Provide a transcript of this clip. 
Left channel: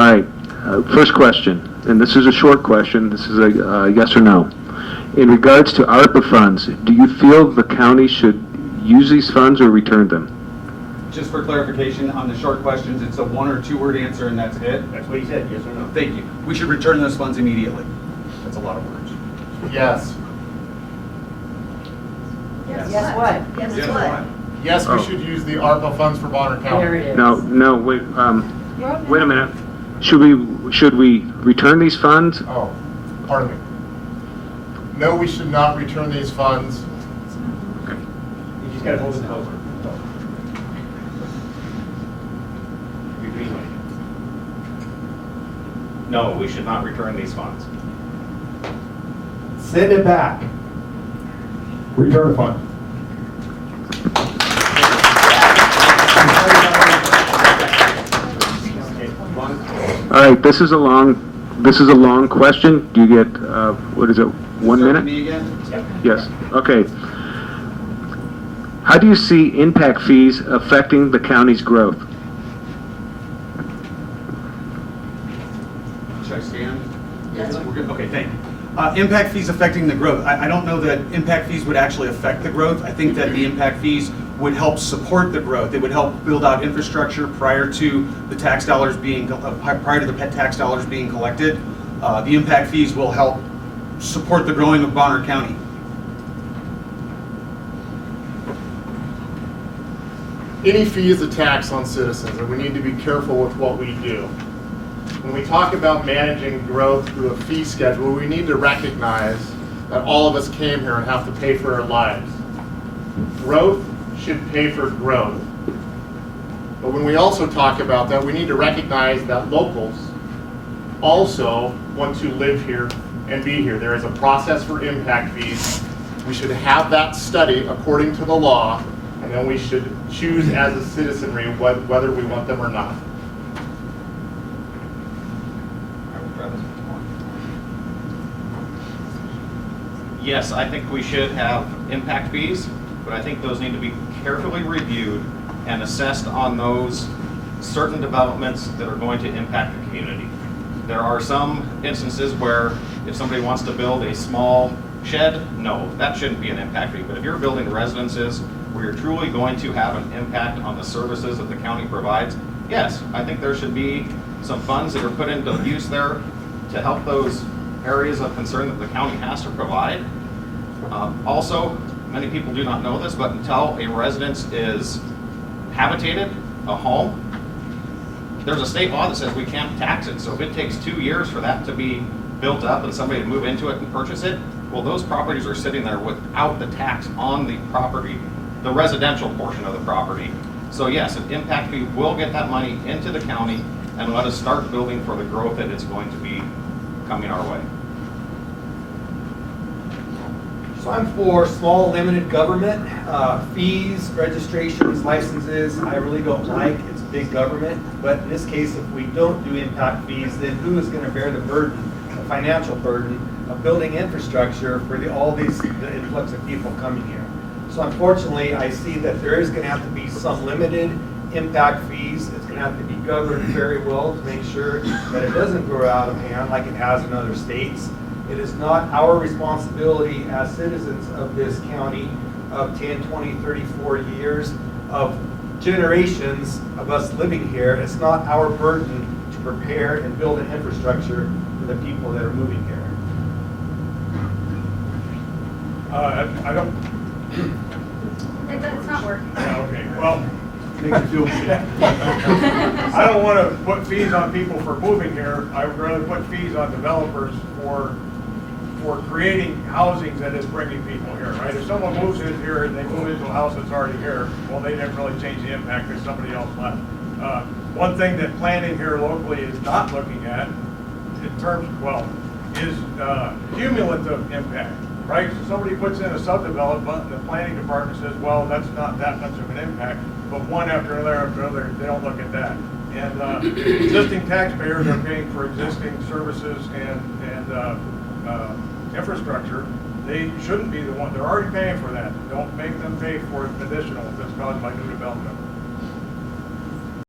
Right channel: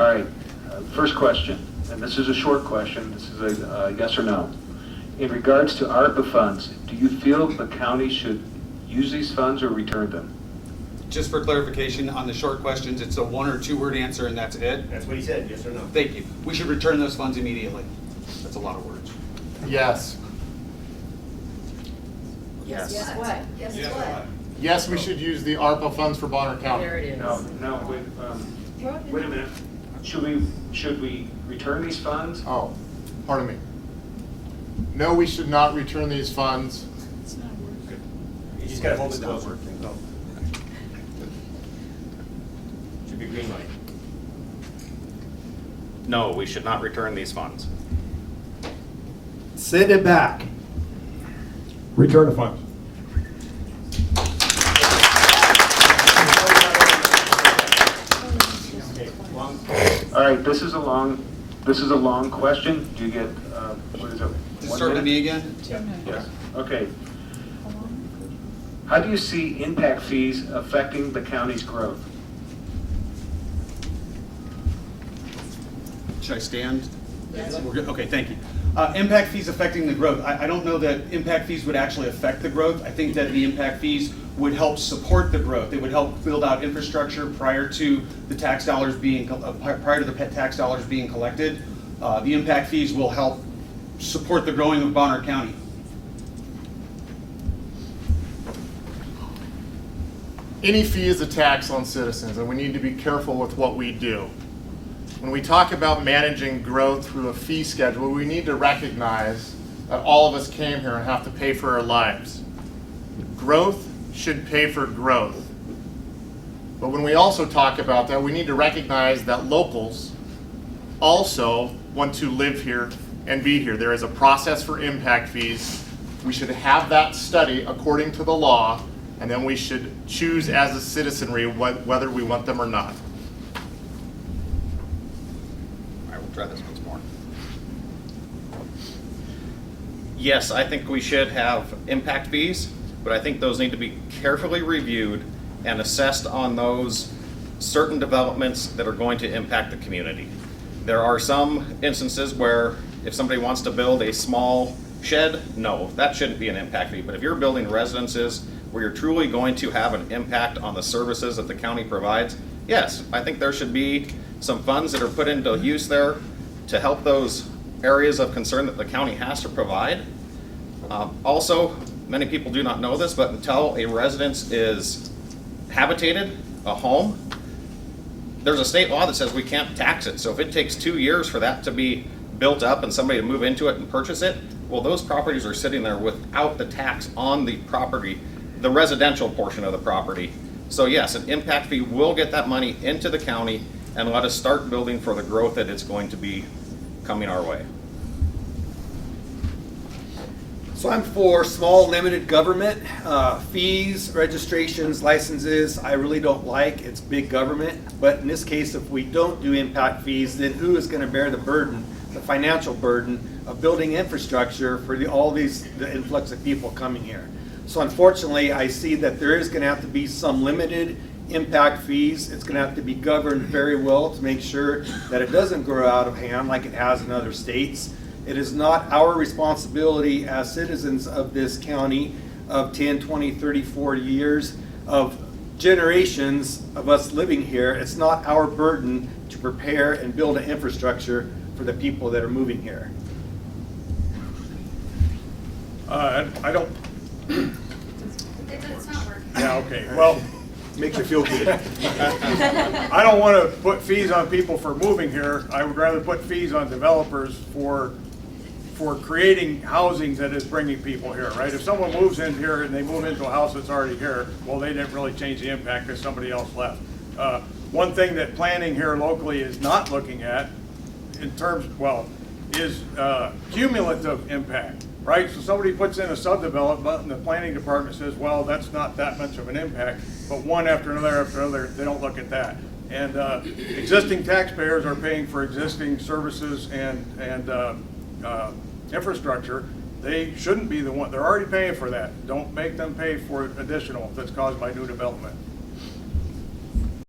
All right, first question, and this is a short question. This is a yes or no. In regards to ARPA funds, do you feel the county should use these funds or return them? Just for clarification, on the short questions, it's a 1 or 2 word answer and that's it? That's what he said, yes or no? Thank you. We should return those funds immediately. That's a lot of words. Yes. Yes, what? Yes, Yes, what? Yes, we Oh. should use the ARPA funds for Bonner County. There it is. No, wait a minute. Should we return these funds? Oh, pardon me. No, we should not return these funds. You just gotta hold it closer. No, we should not return these funds. Send it back. Return the funds. All right, this is a long question. Do you get, what is it, 1 Start with minute? me again? Yes, okay. How do you see impact fees affecting the county's growth? Should I stand? Yes. We're good? Okay, thank you. Impact fees affecting the growth. I don't know that impact fees would actually affect the growth. I think that the impact fees would help support the growth. It would help build out infrastructure prior to the tax dollars being collected. The impact fees will help support the growing of Bonner County. Any fee is a tax on citizens, and we need to be careful with what we do. When we talk about managing growth through a fee schedule, we need to recognize that all of us came here and have to pay for our lives. Growth should pay for growth. But when we also talk about that, we need to recognize that locals also want to live here and be here. There is a process for impact fees. We should have that study according to the law, and then we should choose as a citizenry whether we want them or not. I will try this once more. Yes, I think we should have impact fees, but I think those need to be carefully reviewed and assessed on those certain developments that are going to impact the community. There are some instances where if somebody wants to build a small shed, no, that shouldn't be an impact fee. But if you're building residences where you're truly going to have an impact on the services that the county provides, yes, I think there should be some funds that are put into use there to help those areas of concern that the county has to provide. Also, many people do not know this, but until a residence is habitated, a home, there's a state law that says we can't tax it. So if it takes 2 years for that to be built up and somebody to move into it and purchase it, well, those properties are sitting there without the tax on the property, the residential portion of the property. So yes, an impact fee will get that money into the county and let us start building for the growth that it's going to be coming our way. So I'm for small limited government, fees, registrations, licenses, I really don't like, it's big government. But in this case, if we don't do impact fees, then who is gonna bear the burden, the financial burden of building infrastructure for all the influx of people coming here? So unfortunately, I see that there is gonna have to be some limited impact fees. It's gonna have to be governed very well to make sure that it doesn't grow out of hand like it has in other states. It is not our responsibility as citizens of this county of 10, 20, 30, 40 years of generations of us living here. It's not our burden to prepare and build an infrastructure for the people that are moving here. I don't, It's not working. yeah, okay, well, Makes you feel good. I don't want to put fees on people for moving here. I would rather put fees on developers for creating housing that is bringing people here, right? If someone moves in here and they move into a house that's already here, well, they didn't really change the impact because somebody else left. One thing that planning here locally is not looking at in terms, well, is cumulative impact, right? So somebody puts in a subdevelopment and the planning department says, well, that's not that much of an impact, but one after another, they don't look at that. And existing taxpayers are paying for existing services and infrastructure. They shouldn't be the one, they're already paying for that. Don't make them pay for additional if it's caused by new development.